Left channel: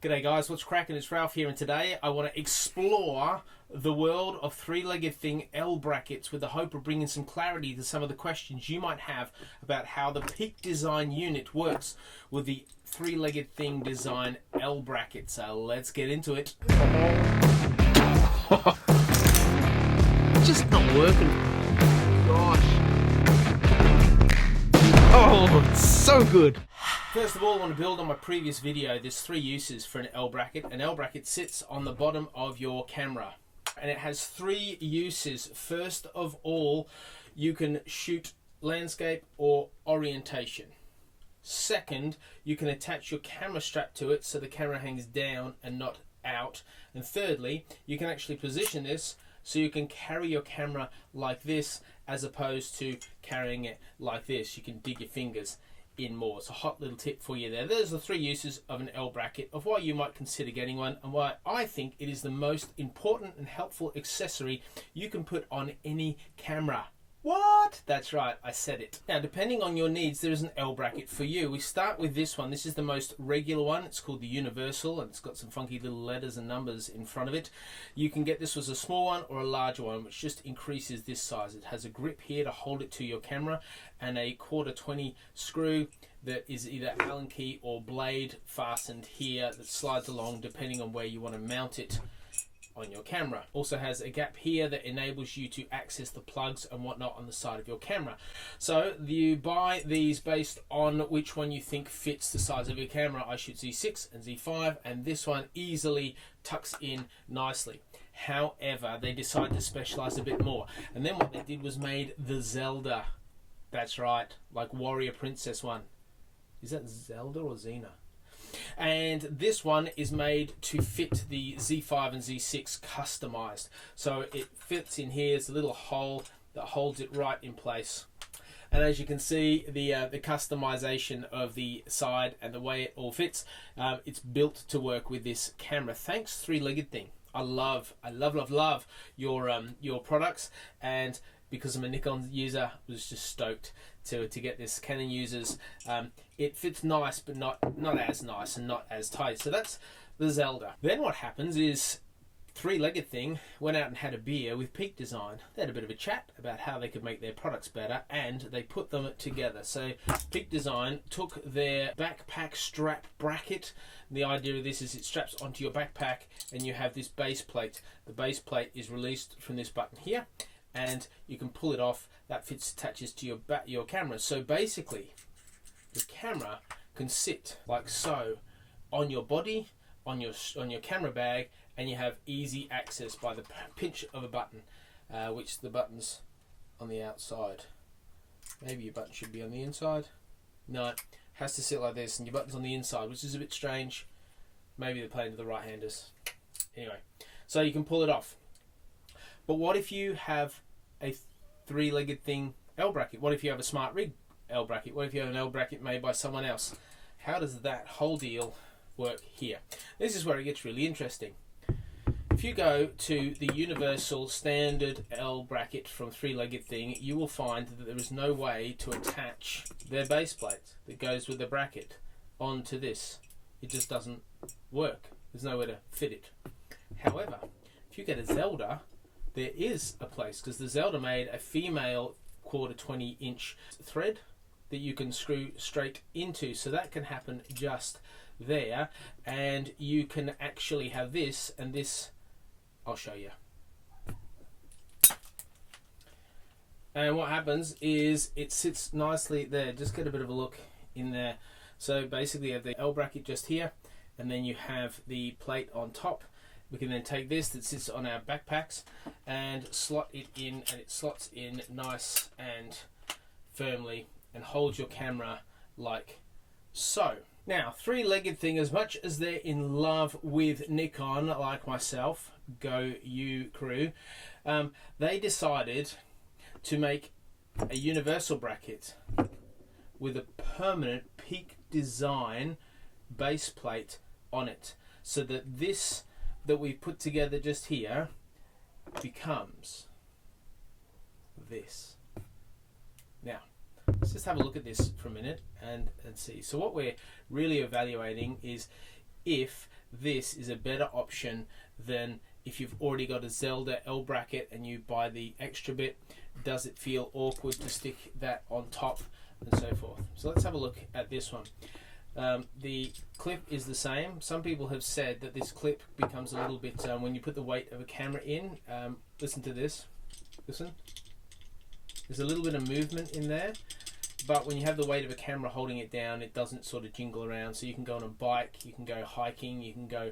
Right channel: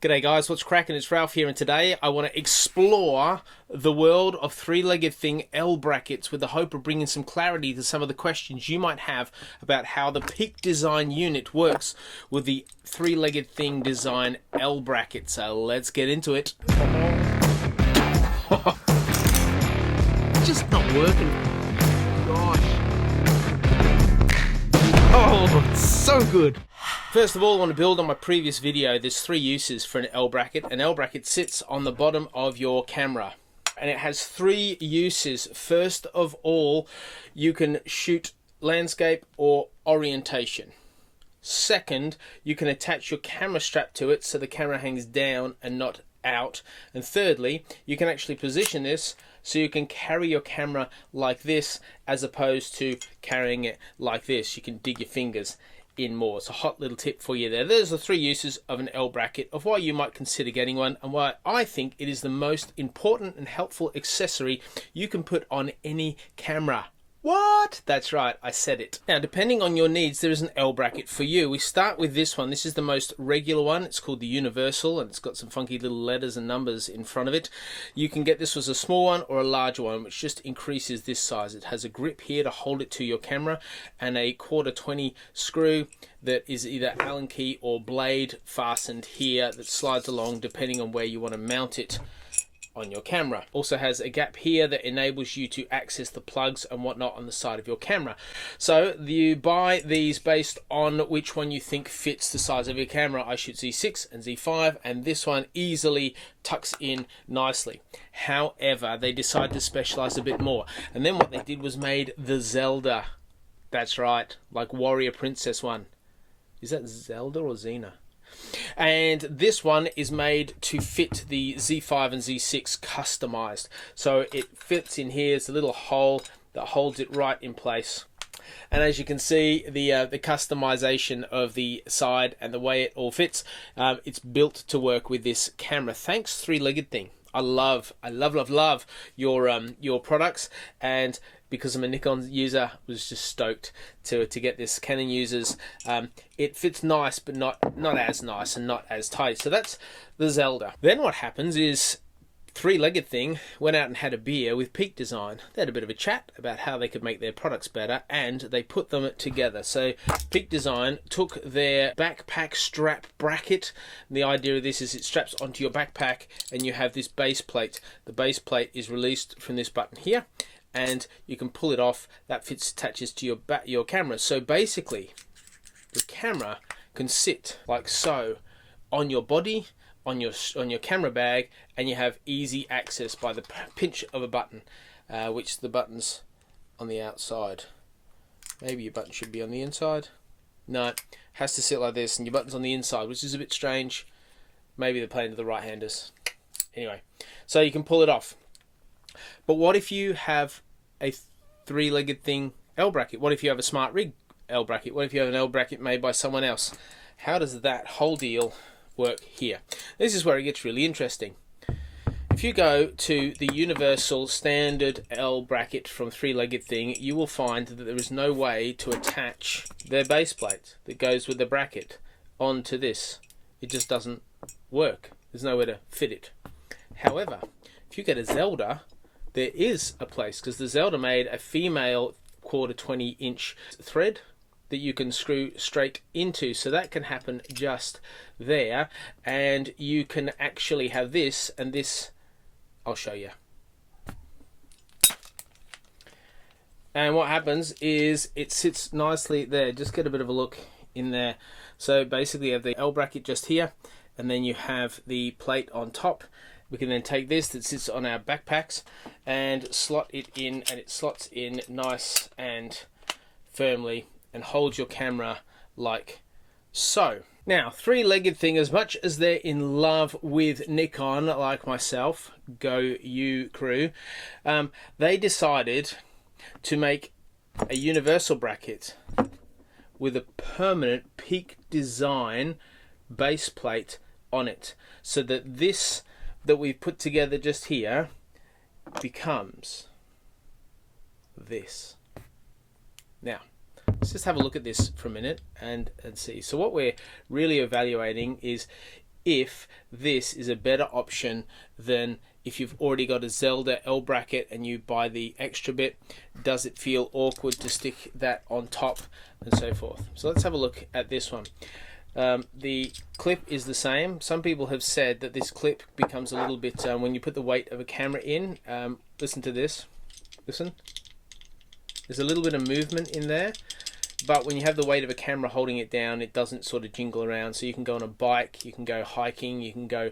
G'day guys, what's cracking? It's Ralph here, and today I want to explore the world of three-legged thing L-brackets with the hope of bringing some clarity to some of the questions you might have about how the Peak Design unit works with the three-legged thing design L-bracket. So let's get into it. Just not working. Gosh. Oh, it's so good. First of all, I want to build on my previous video. There's three uses for an L-bracket. An L-bracket sits on the bottom of your camera and it has three uses. First of all, you can shoot landscape or orientation. Second, you can attach your camera strap to it so the camera hangs down and not out. And thirdly, you can actually position this so you can carry your camera like this as opposed to carrying it like this. You can dig your fingers in more. It's a hot little tip for you there. There's the three uses of an L-bracket, of why you might consider getting one, and why I think it is the most important and helpful accessory you can put on any camera. What? That's right, I said it. Now, depending on your needs, there is an L-bracket for you. We start with this one. This is the most regular one. It's called the Universal, and it's got some funky little letters and numbers in front of it. You can get this as a small one or a larger one, which just increases this size. It has a grip here to hold it to your camera, and a 1/4-20 screw that is either Allen key or blade fastened here that slides along depending on where you want to mount it on your camera. Also has a gap here that enables you to access the plugs and whatnot on the side of your camera. So you buy these based on which one you think fits the size of your camera. I shoot Z6 and Z5, and this one easily tucks in nicely. However, they decided to specialize a bit more, and then what they did was made the Zelda. That's right, like Warrior Princess one. Is that Zelda or Xena? And this one is made to fit the Z5 and Z6 customized. So it fits in here. It's a little hole that holds it right in place. And as you can see, the customization of the side and the way it all fits, it's built to work with this camera. Thanks, three-legged thing. I love your products, and because I'm a Nikon user, I was just stoked to get this. Canon users, it fits nice, but not as nice and not as tight. So that's the Zelda. Then what happens is three-legged thing went out and had a beer with Peak Design. They had a bit of a chat about how they could make their products better, and they put them together. So Peak Design took their backpack strap bracket. The idea of this is it straps onto your backpack and you have this base plate. The base plate is released from this button here, and you can pull it off. That attaches to your camera. So basically, the camera can sit like so on your body, on your camera bag, and you have easy access by the pinch of a button, which the button's on the outside. Maybe your button should be on the inside. No, it has to sit like this, and your button's on the inside, which is a bit strange. Maybe they're playing to the right-handers. Anyway, so you can pull it off. But what if you have a three-legged thing L-bracket? What if you have a smart rig L-bracket? What if you have an L-bracket made by someone else? How does that whole deal work here? This is where it gets really interesting. If you go to the universal standard L-bracket from three-legged thing, you will find that there is no way to attach their base plate that goes with the bracket onto this. It just doesn't work. There's nowhere to fit it. However, if you get a Zelda, there is a place, because the Zelda made a female 1/4-20 inch thread that you can screw straight into, so that can happen just there. And you can actually have this, and this I'll show you. And what happens is it sits nicely there. Just get a bit of a look in there. So basically you have the L-bracket just here, and then you have the plate on top. We can then take this that sits on our backpacks and slot it in, and it slots in nice and firmly and holds your camera like so. Now, three-legged thing, as much as they're in love with Nikon, like myself, go you crew, they decided to make a universal bracket with a permanent Peak Design base plate on it, so that this that we've put together just here becomes this. Now, let's just have a look at this for a minute and see. So what we're really evaluating is if this is a better option than if you've already got a Zelda L-Bracket and you buy the extra bit. Does it feel awkward to stick that on top and so forth? So let's have a look at this one. The clip is the same. Some people have said that this clip becomes a little bit, when you put the weight of a camera in, listen to this, listen, there's a little bit of movement in there, but when you have the weight of a camera holding it down, it doesn't sort of jingle around. So you can go on a bike, you can go hiking, you can go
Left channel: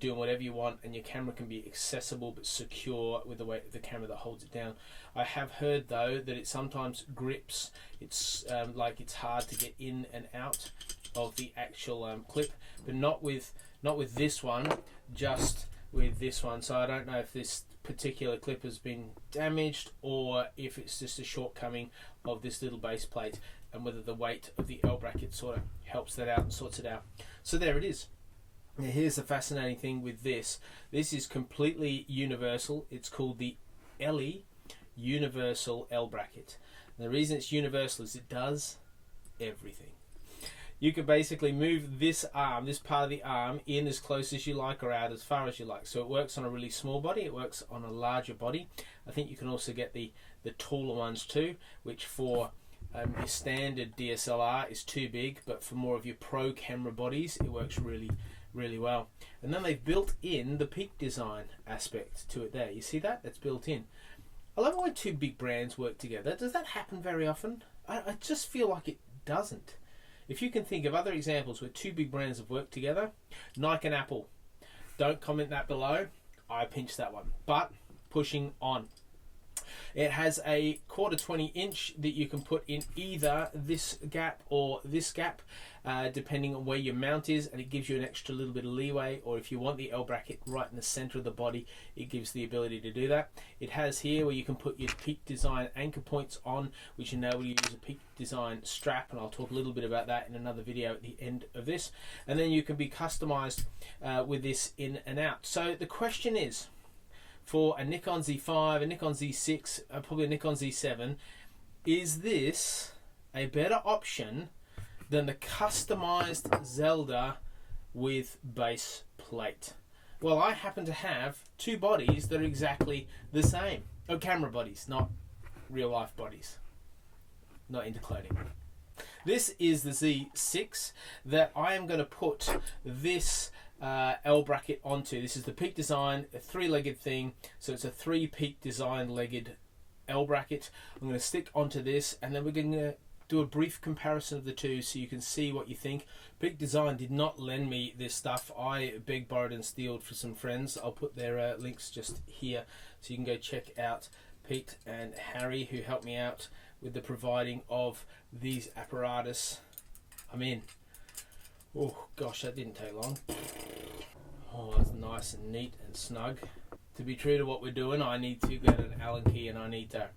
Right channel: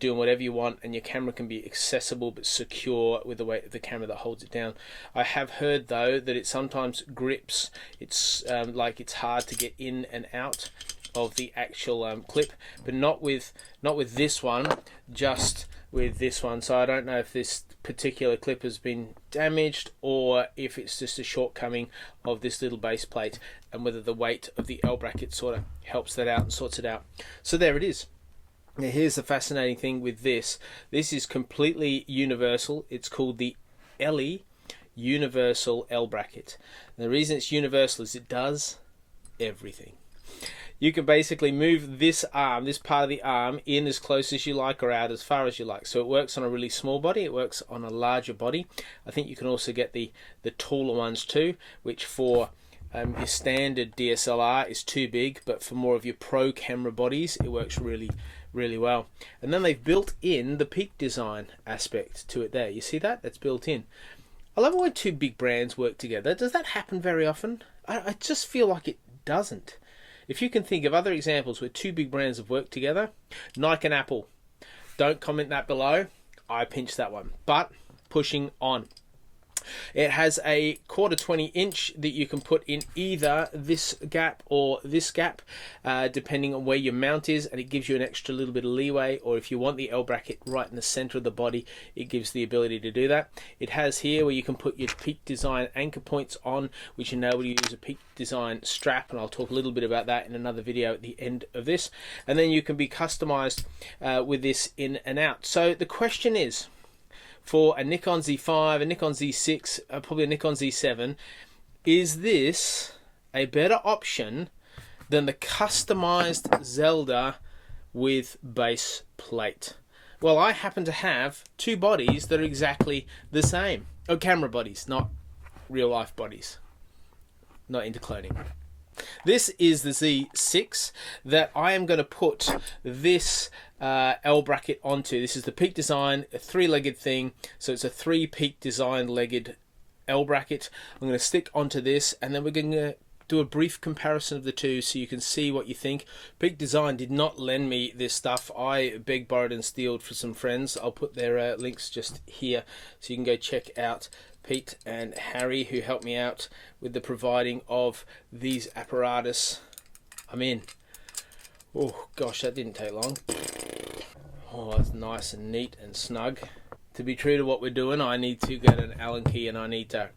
doing whatever you want, and your camera can be accessible but secure with the weight of the camera that holds it down. I have heard though that it sometimes grips. It's like it's hard to get in and out of the actual clip, but not with this one, just with this one. So I don't know if this particular clip has been damaged or if it's just a shortcoming of this little base plate, and whether the weight of the L-Bracket sort of helps that out and sorts it out. So there it is. Now here's the fascinating thing with this. This is completely universal. It's called the ELLIE Universal L-Bracket. The reason it's universal is it does everything. You can basically move this arm, this part of the arm, in as close as you like or out as far as you like. So it works on a really small body, it works on a larger body. I think you can also get the taller ones too, which for your standard DSLR is too big, but for more of your pro camera bodies, it works really, really well. And then they've built in the Peak Design aspect to it there. You see that? That's built in. I love when two big brands work together. Does that happen very often? I just feel like it doesn't. If you can think of other examples where two big brands have worked together, Nike and Apple. Don't comment that below. I pinched that one. But pushing on. It has a 1/4 inch that you can put in either this gap or this gap, depending on where your mount is, and it gives you an extra little bit of leeway. Or if you want the L-Bracket right in the center of the body, it gives the ability to do that. It has here where you can put your Peak Design anchor points on, which enable you to use a Peak Design strap, and I'll talk a little bit about that in another video at the end of this. And then you can be customized with this in and out. So the question is, for a Nikon Z5, a Nikon Z6, probably a Nikon Z7, is this a better option than the customized Zelda with base plate? Well, I happen to have two bodies that are exactly the same. Oh, camera bodies, not real life bodies. Not into cloning. This is the Z6 that I am going to put this L-Bracket onto. This is the Peak Design, a 3-legged thing. So it's a 3 Peak Design legged L-Bracket. I'm going to stick onto this, and then we're going to do a brief comparison of the two so you can see what you think. Peak Design did not lend me this stuff. I begged, borrowed and stealed for some friends. I'll put their links just here so you can go check out Pete and Harry, who helped me out with the providing of these apparatus. I'm in. Oh gosh, that didn't take long. Oh, that's nice and neat and snug. To be true to what we're doing, I need to get an Allen key and I need to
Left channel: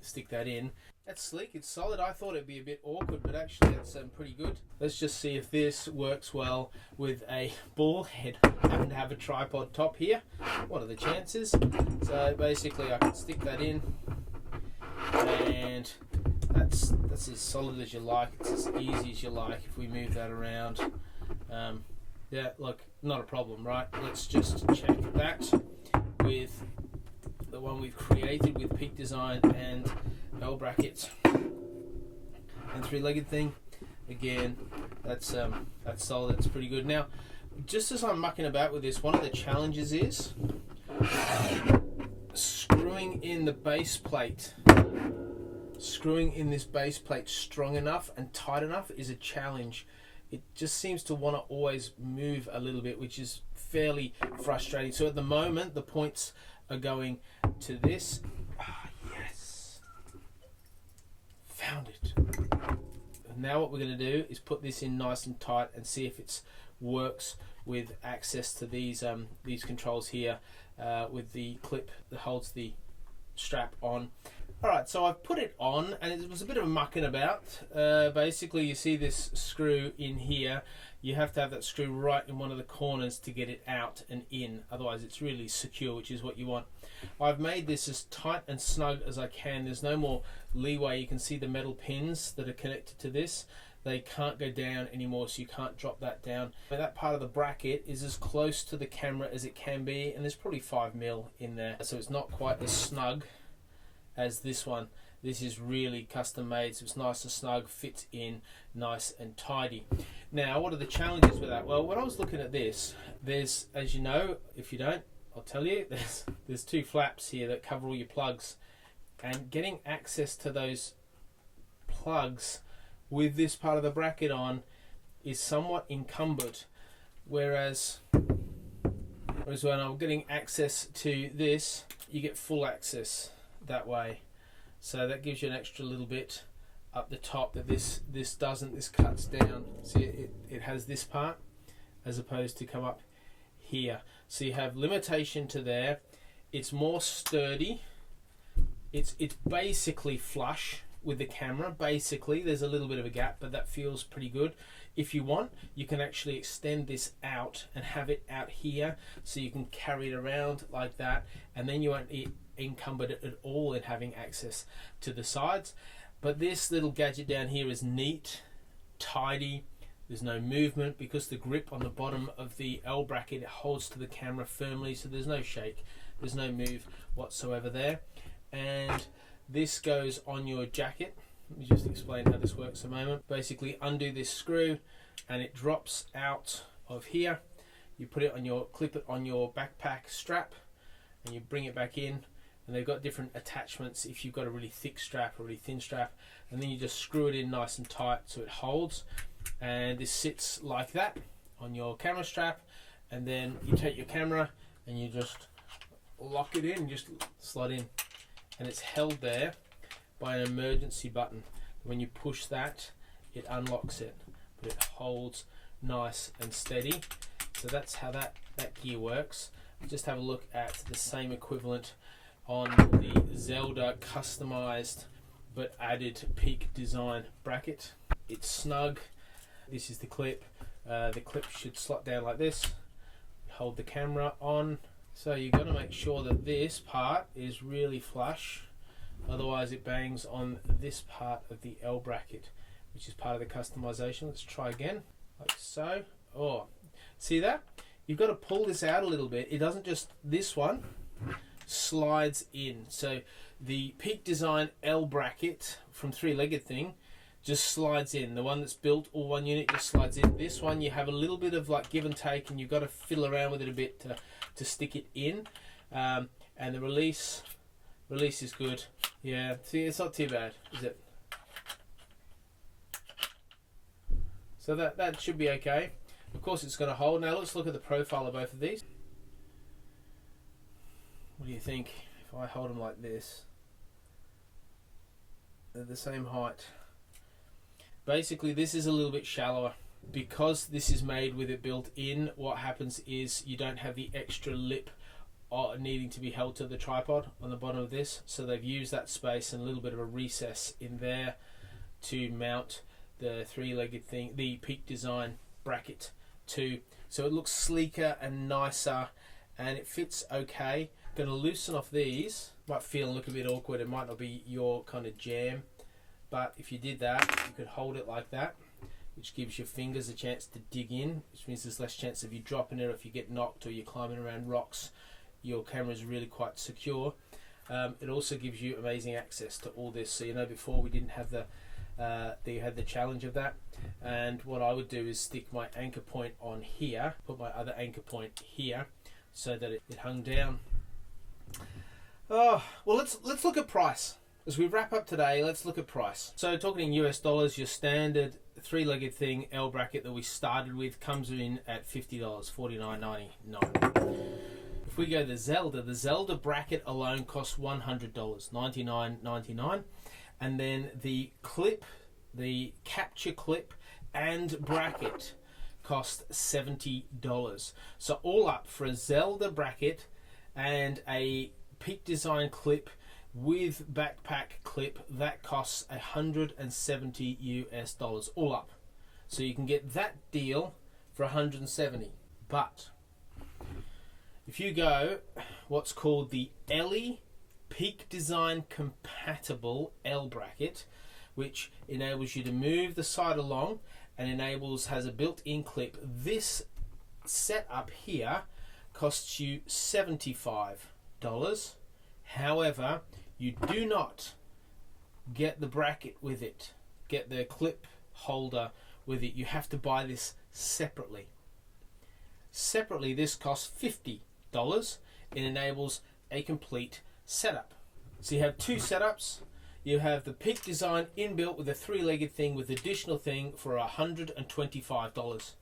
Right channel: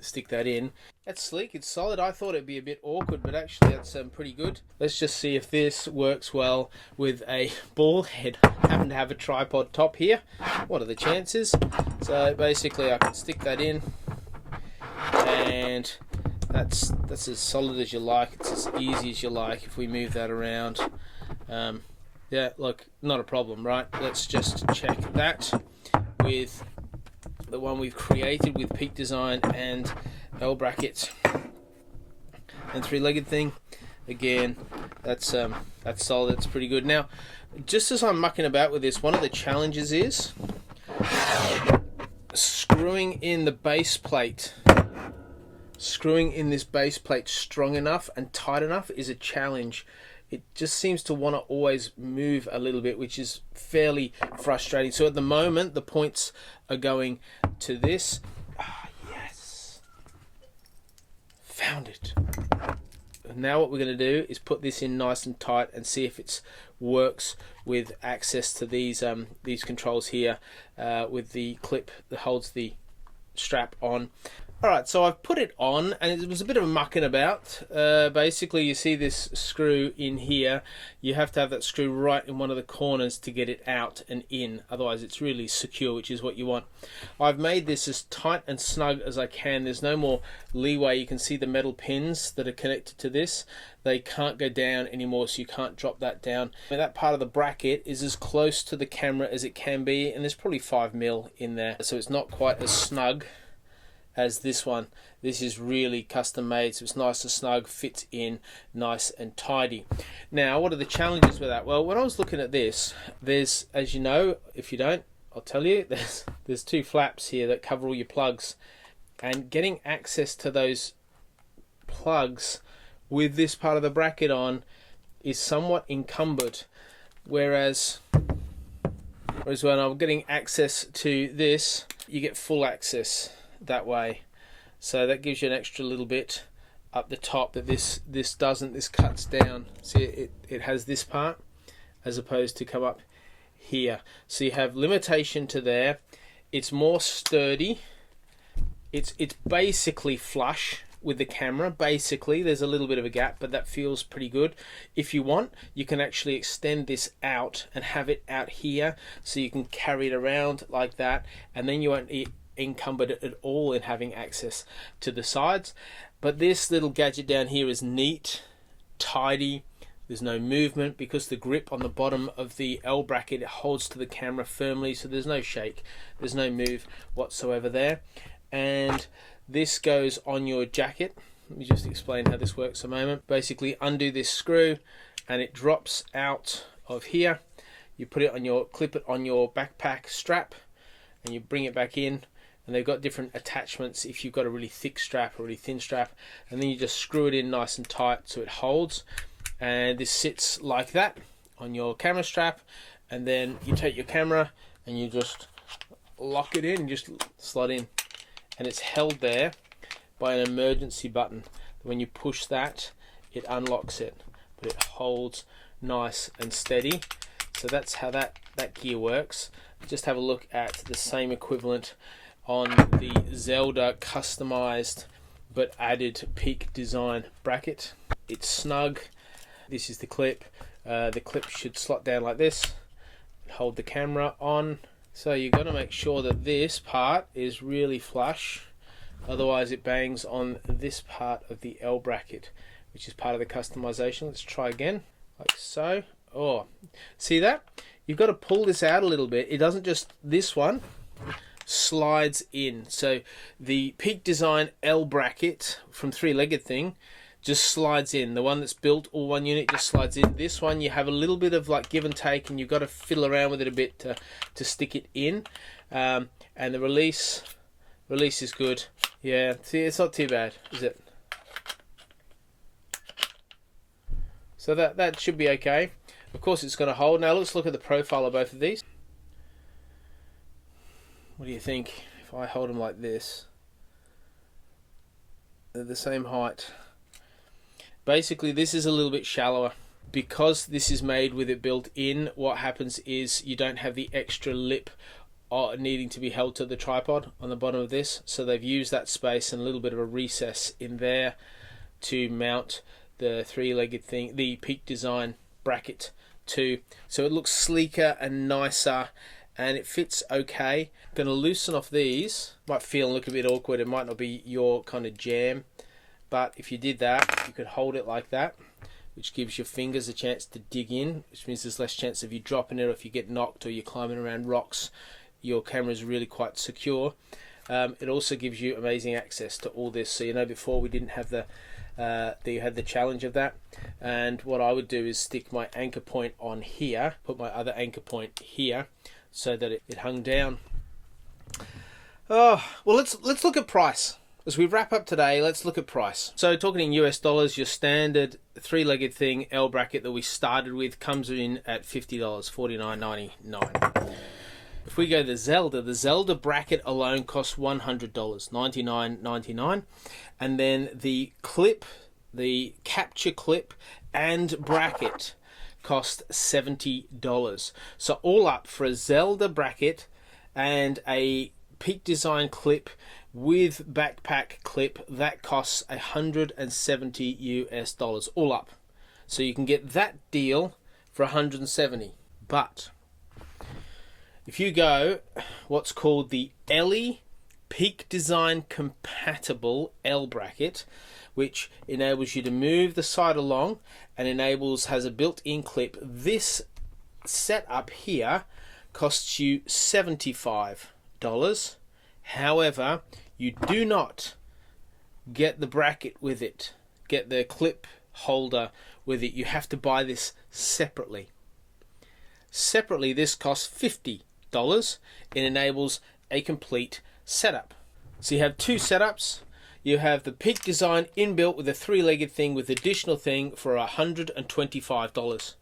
stick that in. That's sleek, it's solid. I thought it'd be a bit awkward, but actually that's pretty good. Let's just see if this works well with a ball head. I happen to have a tripod top here. What are the chances? So basically I can stick that in, and that's as solid as you like. It's as easy as you like. If we move that around, yeah, look, not a problem, right? Let's just check that with the one we've created with Peak Design and L-Bracket and 3-legged thing. Again, that's solid. It's pretty good. Now, just as I'm mucking about with this, one of the challenges is screwing in the base plate. Screwing in this base plate strong enough and tight enough is a challenge. It just seems to want to always move a little bit, which is fairly frustrating. So at the moment, the points are going to this. Ah, yes. Found it. Now what we're going to do is put this in nice and tight and see if it works with access to these controls here with the clip that holds the strap on. Alright, so I've put it on, and it was a bit of a mucking about. Basically, you see this screw in here. You have to have that screw right in one of the corners to get it out and in. Otherwise, it's really secure, which is what you want. I've made this as tight and snug as I can. There's no more leeway. You can see the metal pins that are connected to this. They can't go down anymore, so you can't drop that down. And that part of the bracket is as close to the camera as it can be, and there's probably 5mm in there. So it's not quite as snug as this one. This is really custom made, so it's nice and snug, fits in nice and tidy. Now, what are the challenges with that? Well, when I was looking at this, there's, as you know, if you don't, I'll tell you, there's 2 flaps here that cover all your plugs, and getting access to those plugs with this part of the bracket on is somewhat encumbered, whereas when I'm getting access to this, you get full access that way. So that gives you an extra little bit up the top that this doesn't. This cuts down. See, it has this part as opposed to come up here. So you have limitation to there. It's more sturdy. It's basically flush with the camera. Basically, there's a little bit of a gap, but that feels pretty good. If you want, you can actually extend this out and have it out here, so you can carry it around like that, and then you won't encumbered at all in having access to the sides. But this little gadget down here is neat, tidy. There's no movement because the grip on the bottom of the L-bracket, it holds to the camera firmly, so there's no shake, there's no move whatsoever there. And this goes on your jacket. Let me just explain how this works a moment. Basically, undo this screw and it drops out of here. You put it on your, clip it on your backpack strap, and you bring it back in. And they've got different attachments if you've got a really thick strap or really thin strap, and then you just screw it in nice and tight so it holds. And this sits like that on your camera strap, and then you take your camera and you just lock it in, just slide in, and it's held there by an emergency button. When you push that, it unlocks it, but it holds nice and steady. So that's how that gear works. Just have a look at the same equivalent on the Zelda customized but added Peak Design bracket. It's snug. This is the clip. The clip should slot down like this, hold the camera on. So you've got to make sure that this part is really flush, otherwise it bangs on this part of the L-bracket, which is part of the customization. Let's try again, like so. Oh, see that? You've got to pull this out a little bit. It doesn't just, this one slides in. So the Peak Design L-Bracket from Legged Thing just slides in. The one that's built all one unit just slides in. This one you have a little bit of like give and take, and you've got to fiddle around with it a bit to stick it in. And the release is good. Yeah, see, it's not too bad, is it? So that should be okay. Of course it's going to hold. Now let's look at the profile of both of these. What do you think if I hold them like this? They're the same height. Basically, this is a little bit shallower. Because this is made with it built in, what happens is you don't have the extra lip needing to be held to the tripod on the bottom of this. So they've used that space and a little bit of a recess in there to mount the three-legged thing, the Peak Design bracket too. So it looks sleeker and nicer, and it fits okay. I'm going to loosen off these. Might feel and look a bit awkward. It might not be your kind of jam, but if you did that, you could hold it like that, which gives your fingers a chance to dig in, which means there's less chance of you dropping it, or if you get knocked or you're climbing around rocks, your camera is really quite secure. It also gives you amazing access to all this. So you know, before we didn't have you had the challenge of that, and what I would do is stick my anchor point on here, put my other anchor point here, so that it hung down. Oh well, let's look at price. As we wrap up today, let's look at price. So talking in US dollars, your standard three-legged thing L-bracket that we started with comes in at $50, $49.99. If we go the Zelda bracket alone costs $100, $99.99. And then the clip, the capture clip and bracket cost $70. So all up for a Zelda bracket and a Peak Design clip with backpack clip, that costs $170 US all up. So you can get that deal for 170. But if you go what's called the Ellie Peak Design compatible L-Bracket, which enables you to move the side along and has a built-in clip, this setup here costs you $75. However, you do not get the bracket with it, get the clip holder with it. You have to buy this separately. Separately, this costs $50. It enables a complete setup. So you have two setups. You have the Peak Design inbuilt with a three-legged thing with additional thing for $125.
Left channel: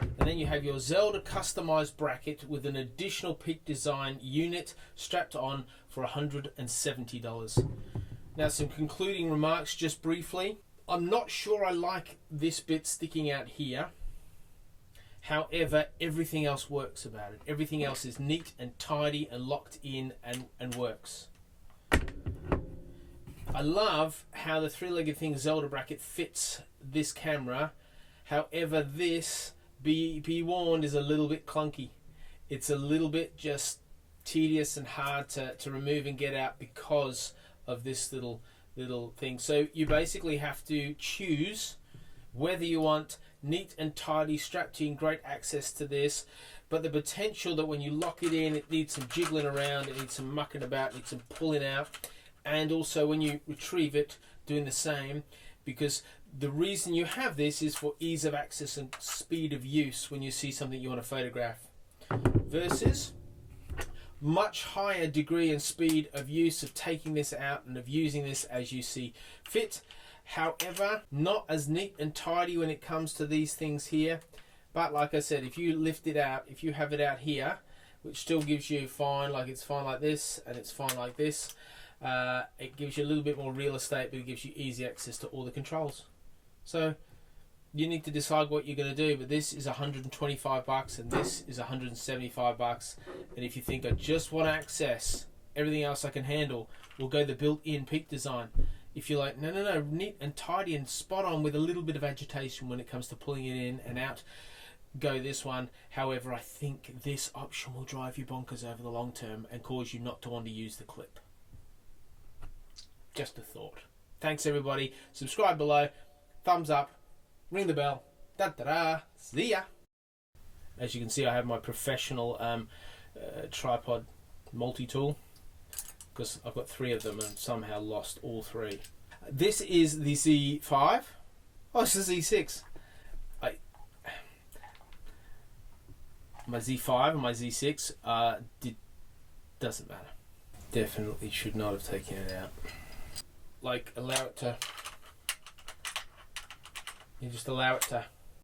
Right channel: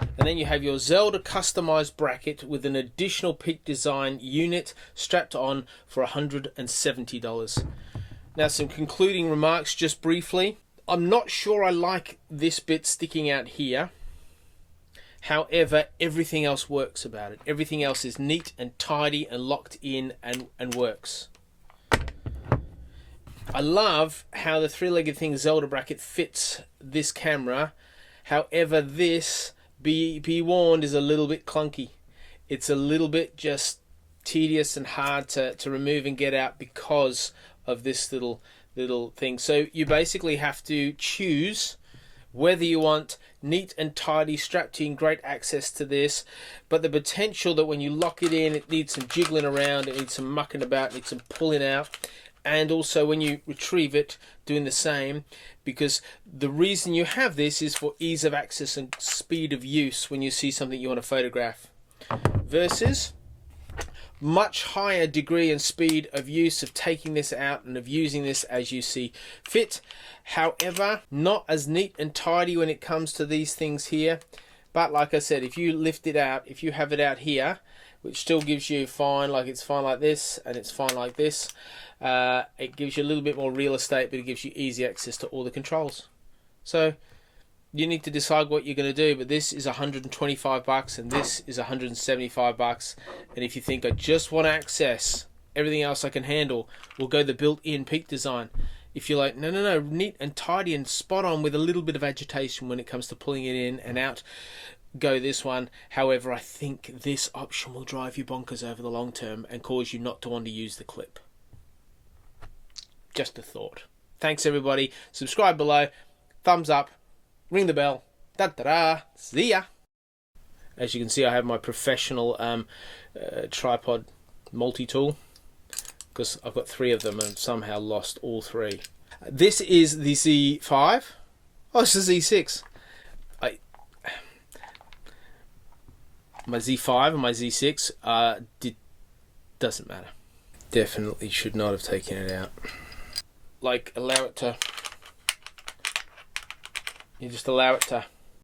And then you have your Zelda customized bracket with an additional Peak Design unit strapped on for $170. Now, some concluding remarks just briefly. I'm not sure I like this bit sticking out here. However, everything else works about it. Everything else is neat and tidy and locked in and works. I love how the three-legged thing Zelda bracket fits this camera. However, this, be warned, is a little bit clunky. It's a little bit just tedious and hard to remove and get out because of this little thing. So you basically have to choose whether you want neat and tidy, strapped in, great access to this, but the potential that when you lock it in, it needs some jiggling around, it needs some mucking about, it needs some pulling out, and also when you retrieve it, doing the same, because the reason you have this is for ease of access and speed of use when you see something you want to photograph, versus much higher degree and speed of use of taking this out and of using this as you see fit. However, not as neat and tidy when it comes to these things here. But like I said, if you lift it out, if you have it out here, which still gives you fine, like it's fine like this and it's fine like this, it gives you a little bit more real estate, but it gives you easy access to all the controls. So you need to decide what you're going to do, but this is $125 and this is $175. And if you think I just want to access everything else I can handle, we'll go the built-in Peak Design. If you're like, no, neat and tidy and spot on with a little bit of agitation when it comes to pulling it in and out, go this one. However, I think this option will drive you bonkers over the long term and cause you not to want to use the clip. Just a thought. Thanks everybody. Subscribe below. Thumbs up. Ring the bell. Da-da-da. See ya. As you can see, I have my professional tripod multi-tool, because I've got 3 of them and somehow lost all 3. This is the Z5. Oh, it's the Z6. My Z5 and my Z6 doesn't matter. Definitely should not have taken it out. Like, allow it to... You just allow it to